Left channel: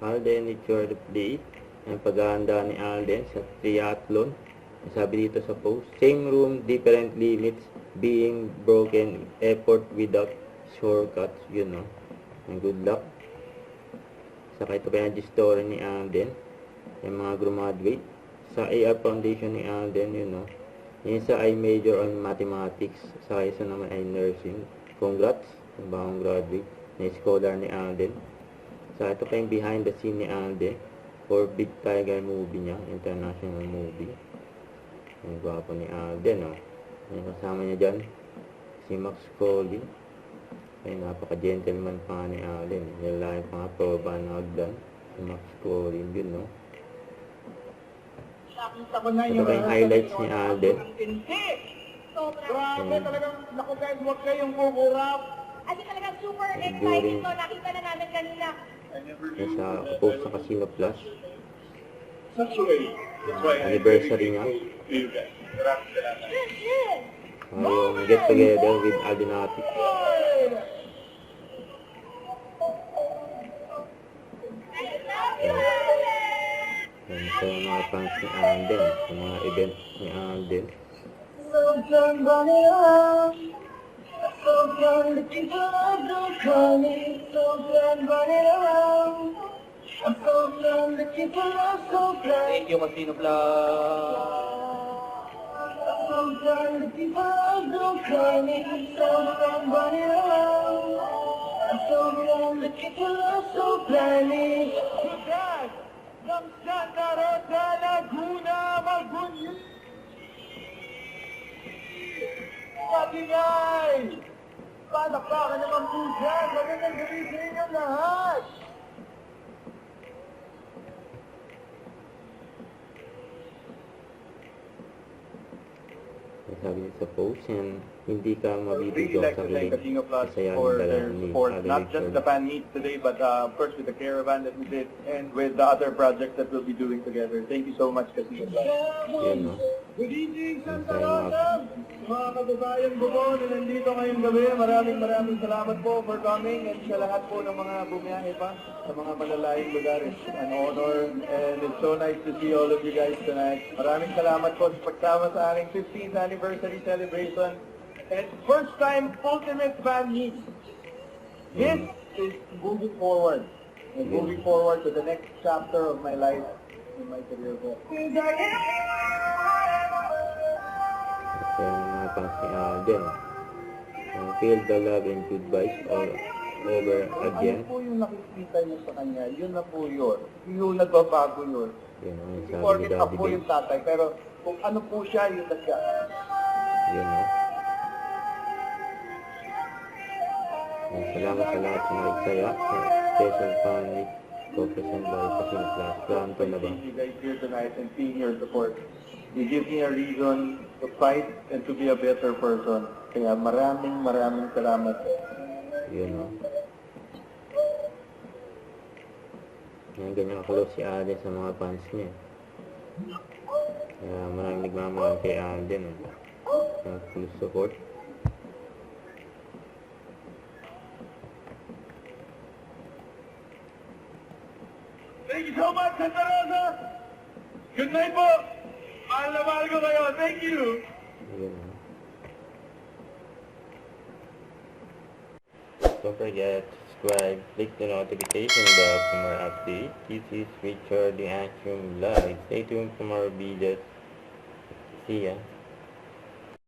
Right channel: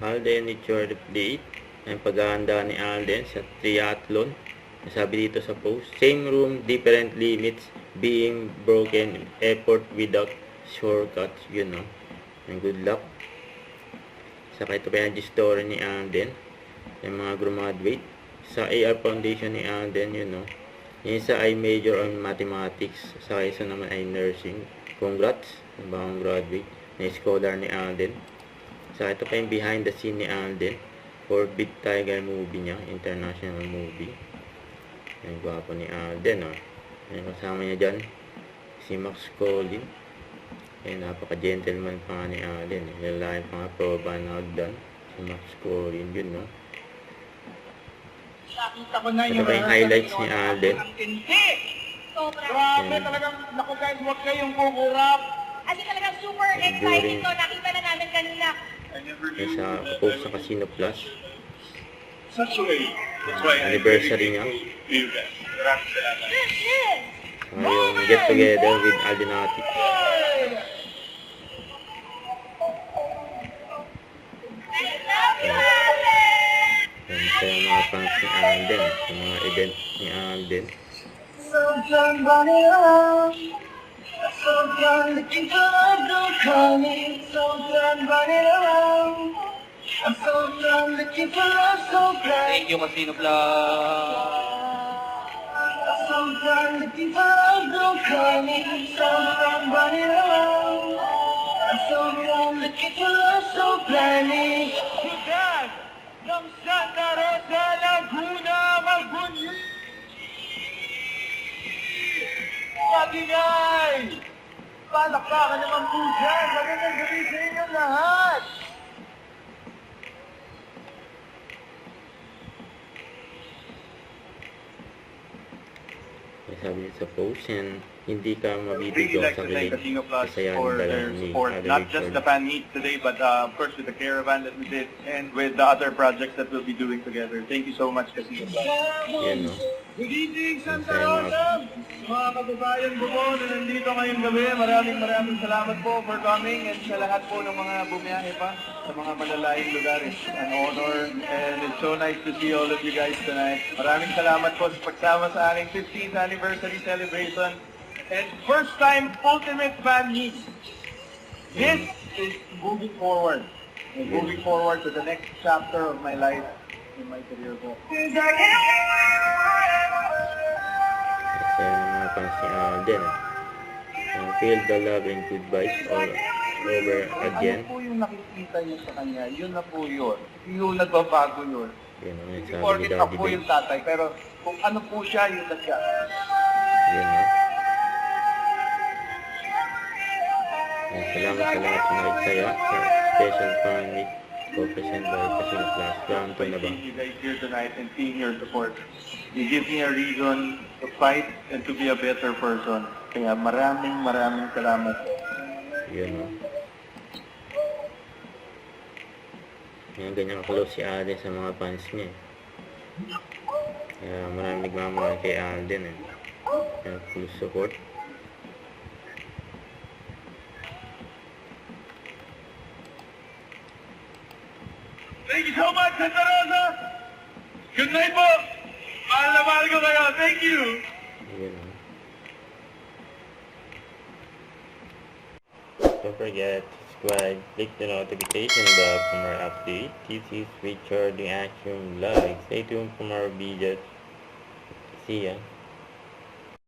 Alden Richard update. Ang paghahanda ni Alden sa triathlon. Sabi dito sa post, same room, different limits, being broken, effort without shortcuts. Yun, no? And good luck. Saka ito pa yung story ni Alden. Yung mga graduate. Sa AR Foundation ni Alden, yun, no? Yung isa ay major on mathematics. Sa isa naman ay nursing. Congrats sa bagong graduate na scholar ni Alden. Sa ito pa yung behind the scene ni Alden for Big Tiger movie niya, international movie. Ang gwapo ni Alden, oh. Ang kasama niya dyan, si Max Collin. Ay, napaka-gentleman pa nga ni Alden. Lalaki pa nga proba na doon. Si Max Collin, yun, no? Nakita ko na Ito pa yung highlights ni Alden. Grabe talagang, naku guys, huwag kayong kukurap. Kasi talagang super exciting to. Nakita na namin kanina. Sa post sa Casino Plus. Such a way. That's why Anniversary niya. Ngayong get together with Aldenati. Yan sa mga fans ni Alden. Sa mga event ni Alden. So done running around. So done looking for love, don't call me. So done running around. I'm so done looking for love, so bad. Thank you, Casino Vlog. I'm so done looking for love, don't call me. So done running around. I'm so done looking for love, so blindly. Sikat ng Santa Rosa, Laguna, Magbunyi. Magingay! Palakpakan naman po dyan. Magandang gabi sa inyo lahat. Sabi niya sa post, and hindi ka Really mabibigyan like sa to thank kilig. Casino Plus Kasaya for ng dala their ni support, Alden not just Richard. the fan meet today, but of course with the caravan that we did and with the other projects that we'll be doing together. Thank you so much, Casino Plus. Yan, no? Good evening, Santa Masaya Rosa! Mga kababayan ko po na nandito ngayong gabi, maraming salamat po for coming and sa lahat po ng mga bumiyahe pa sa mga malalayong lugar. It's an honor and it's so nice to see all of you guys tonight. Maraming salamat po sa pagsama sa aking 15th anniversary celebration and first time ultimate fan meet. This is moving forward. And moving forward to the next chapter of my life in my career po. Kasaya ng mga fans ni Alden. Feel the love and good vibes all over again. Ano po yung nakikita niyo sa kanya, yun na po yun. Yung nagbabago yun. Yan ang Hindi sabi ni porket Daddy ako Ben. yung tatay, pero kung ano po siya, yun na siya. Yan, no? Salamat sa lahat ng nagsaya sa special fan meet co-present by Casino Plus. Welcome na ba? Seeing you guys here tonight and seeing your support. You give me a reason to fight and to be a better person. Kaya maraming salamat. Yun, no? Yan, ganyan close si Alden sa mga fans niya. Kaya maraming nagmamahal kay Alden. Kaya full support. Thank you so much, Santa Rosa! Good night po! Mahal na mahal ko kayo. Thank you! Yun, no? Don't forget to subscribe, click the notification bell for more updates. This is Richard the Action Vlog. Stay tuned for more videos. See ya.